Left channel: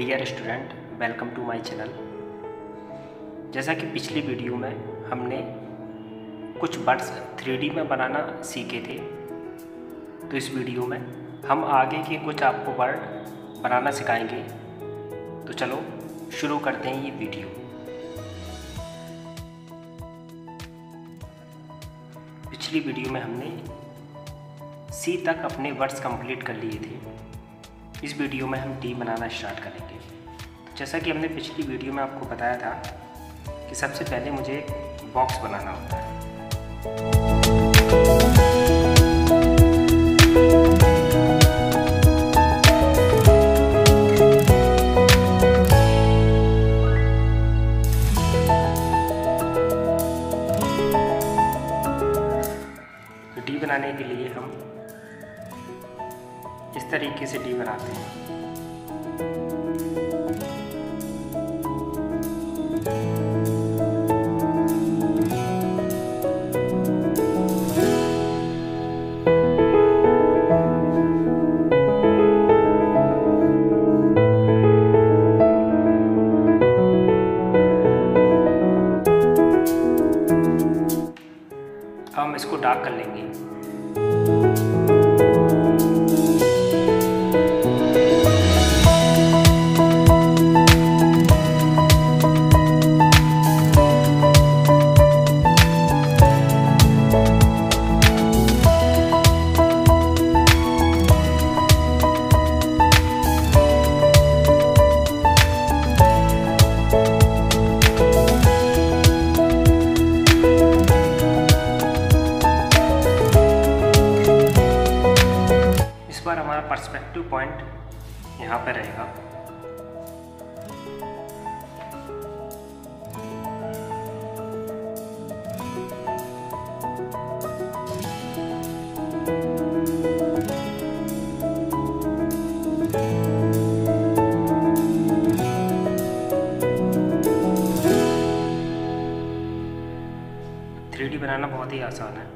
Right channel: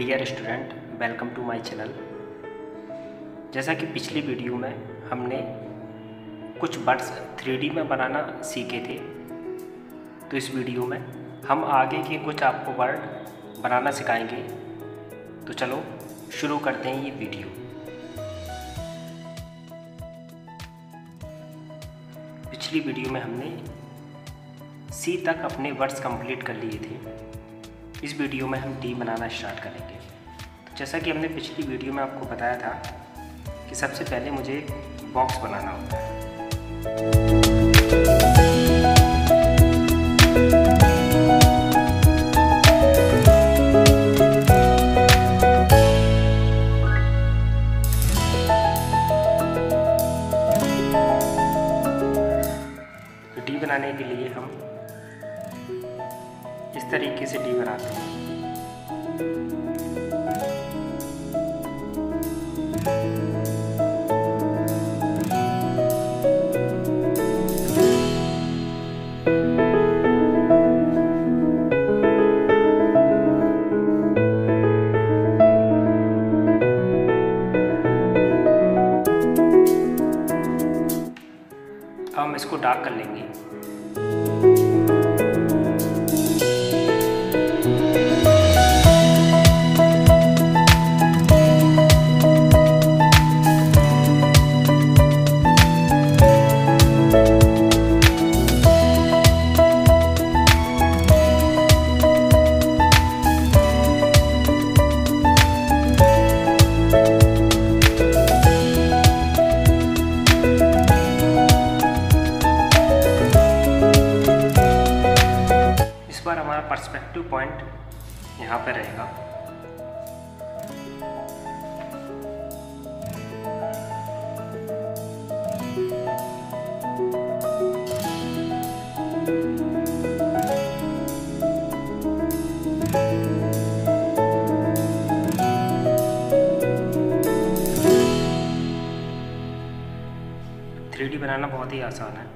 Dear student, welcome to my channel. जैसा कि पिछली वीडियो में हमने कुछ वर्ड्स 3D में बनाना सीखे थे, तो इस वीडियो में हम आगे के कुछ आपको वर्ड बनाना सिखाएंगे। तो चलो शुरू करते हैं ये वीडियो। पिछली वीडियो में हमने सी तक अपने वर्ड्स कंप्लीट कर लिए थे। इस वीडियो में हम डी बनाना स्टार्ट करेंगे। तो जैसा कि हमने पिछली वीडियो में आपको बताया था कि सबसे पहले मुझे एक बॉक्स बनाना होता है। तो डी बनाने के लिए हम इस तरीके से डी बनाते हैं। अब हम इसको डार्क कर लेंगे। इस बार हमारा पर्सपेक्टिव पॉइंट यहाँ पे रहेगा। थ्री डी बनाना बहुत ही आसान है।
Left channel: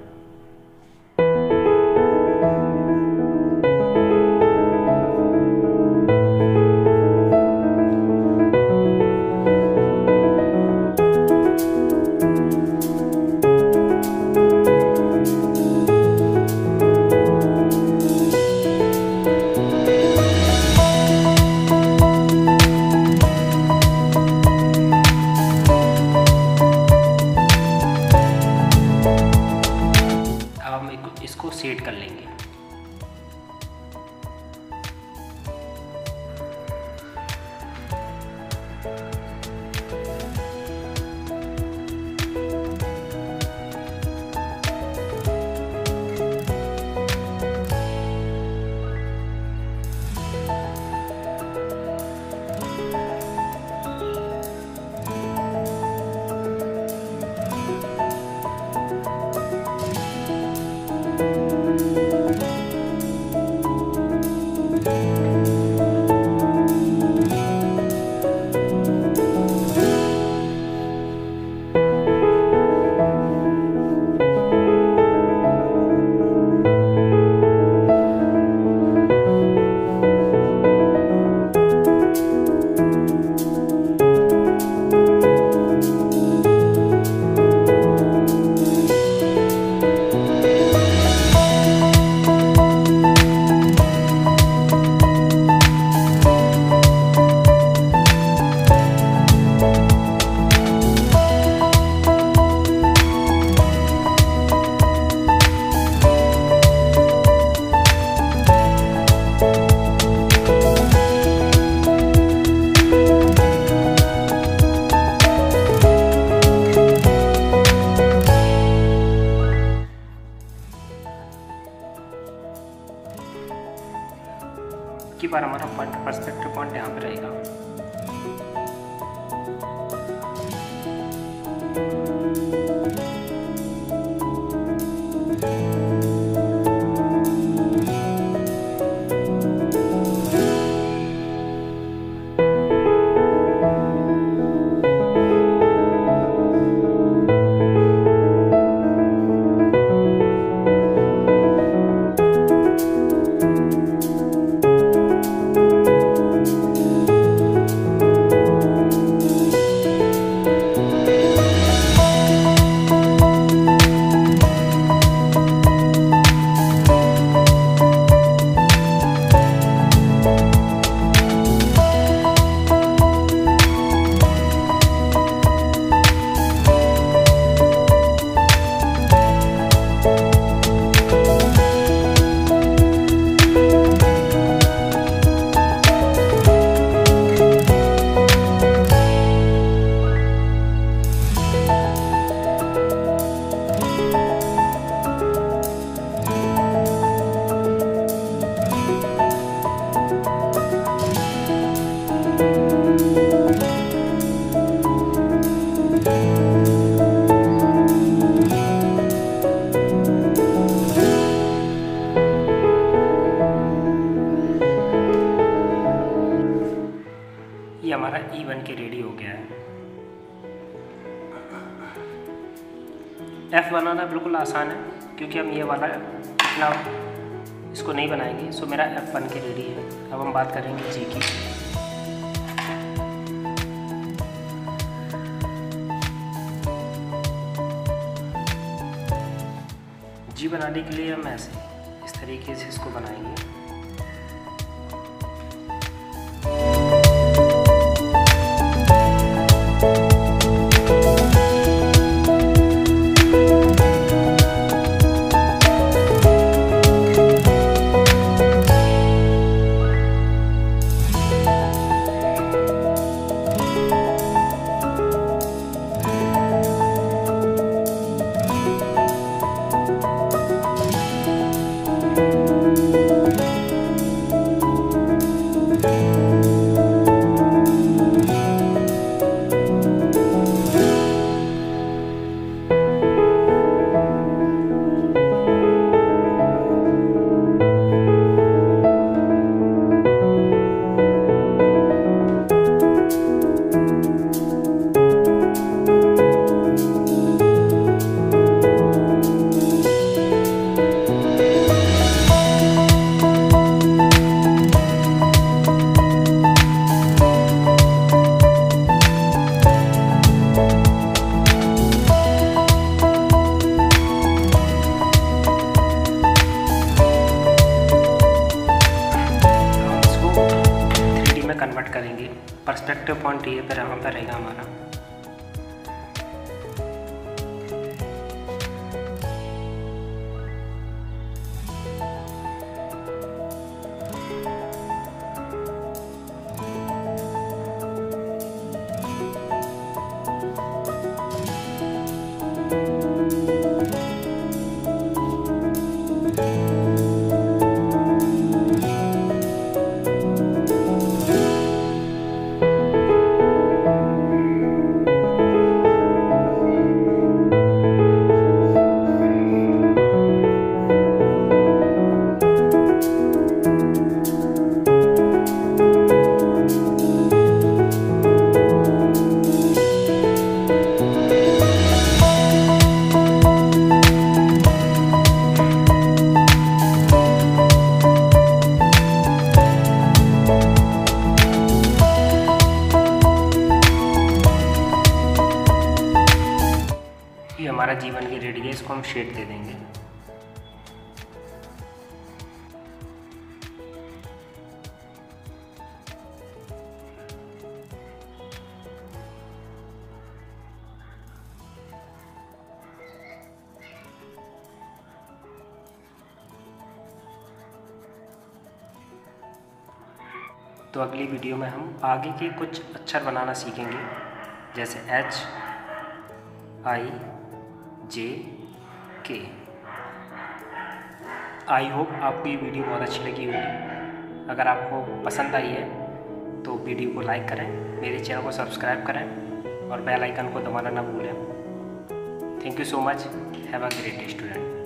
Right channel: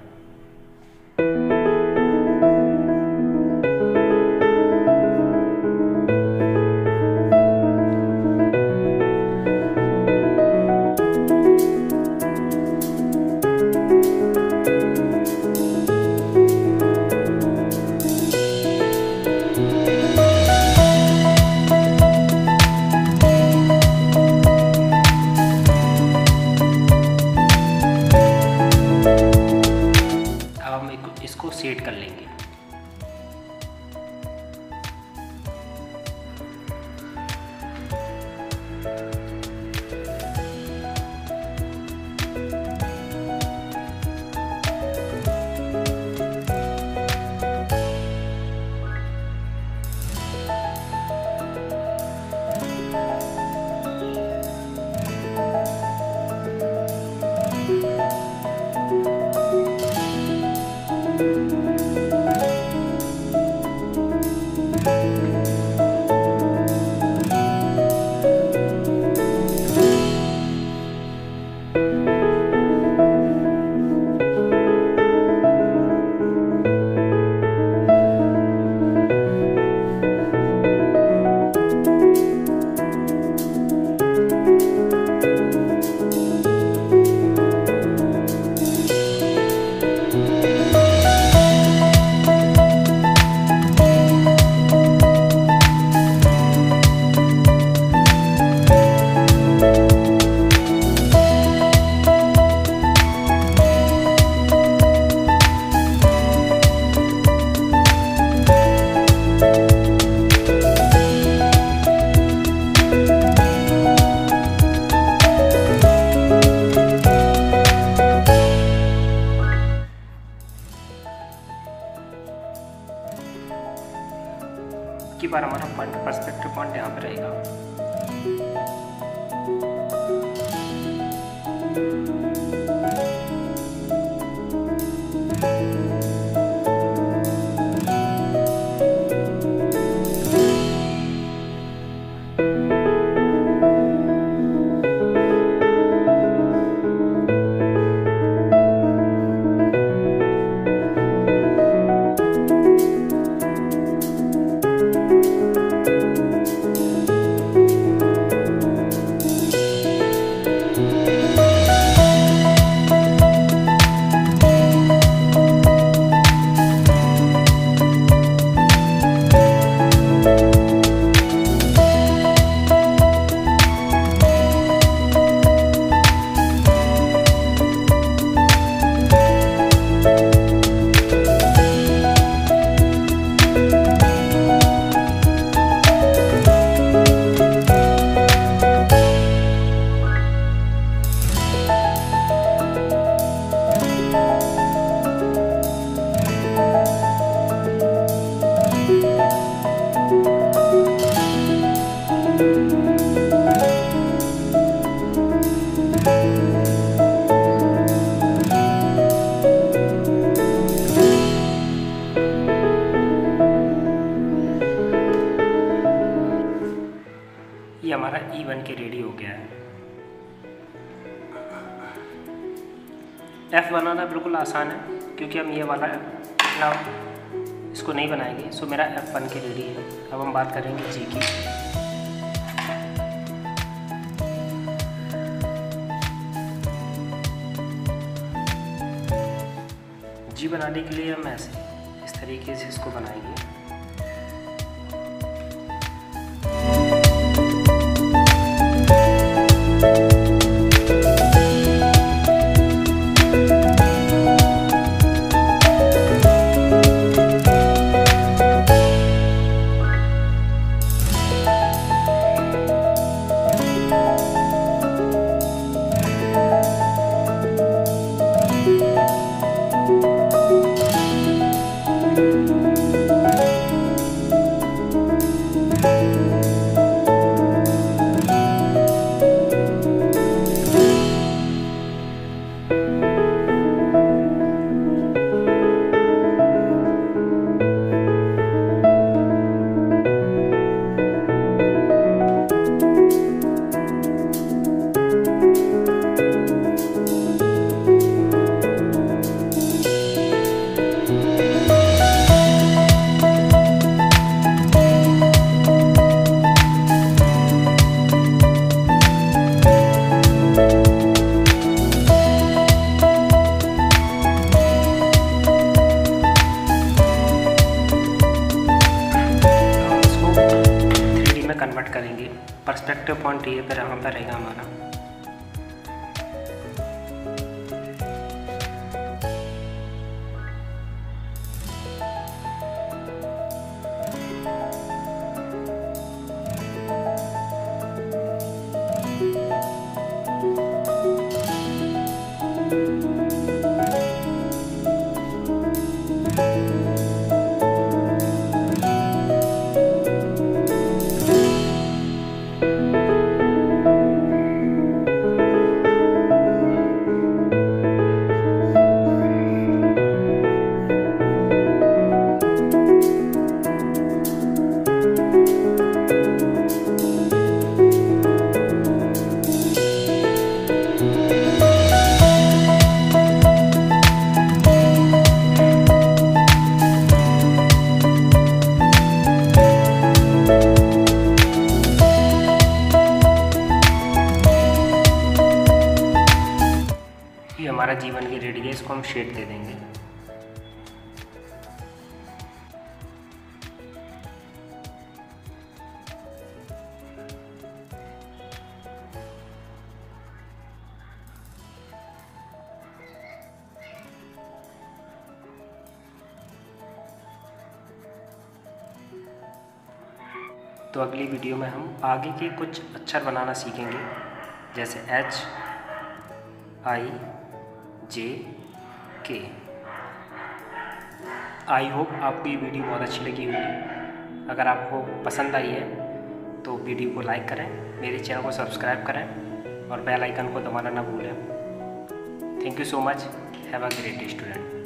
इसको सेट कर लेंगे। की बार हमारा पर्सपेक्टिव पॉइंट यहाँ पे रहेगा। ये हमारा ई बन के रेडी हो गया है। एफ बनाना बिल्कुल आसान है क्योंकि हम ये वाला इतना इसको नहीं बनाएंगे। सो मेरा एफ बन के रेडी है। अब हम बात करेंगे जी की। जी बनाने के लिए हम ऐसे इस तरीके से इसको बनाएंगे। कन्वर्ट करेंगे। पर्सपेक्टिव पॉइंट ये पर यहाँ पर रहेगा हमारा। ये हमारा जीवन की रेडी है। इसको हम शेड दे देंगे। तो अगली वीडियो में हम आगे के कुछ अक्षर बनाना सीखेंगे, जैसे H I J K। I hope आपको ये वीडियो बहुत अच्छी लगी होगी। अगर आपको पसंद आई है तो वीडियो को लाइक करें, मेरे चैनल को सब्सक्राइब करें और बेल आइकन को दबाना ना भूलें। Thank you so much. Have a great day student.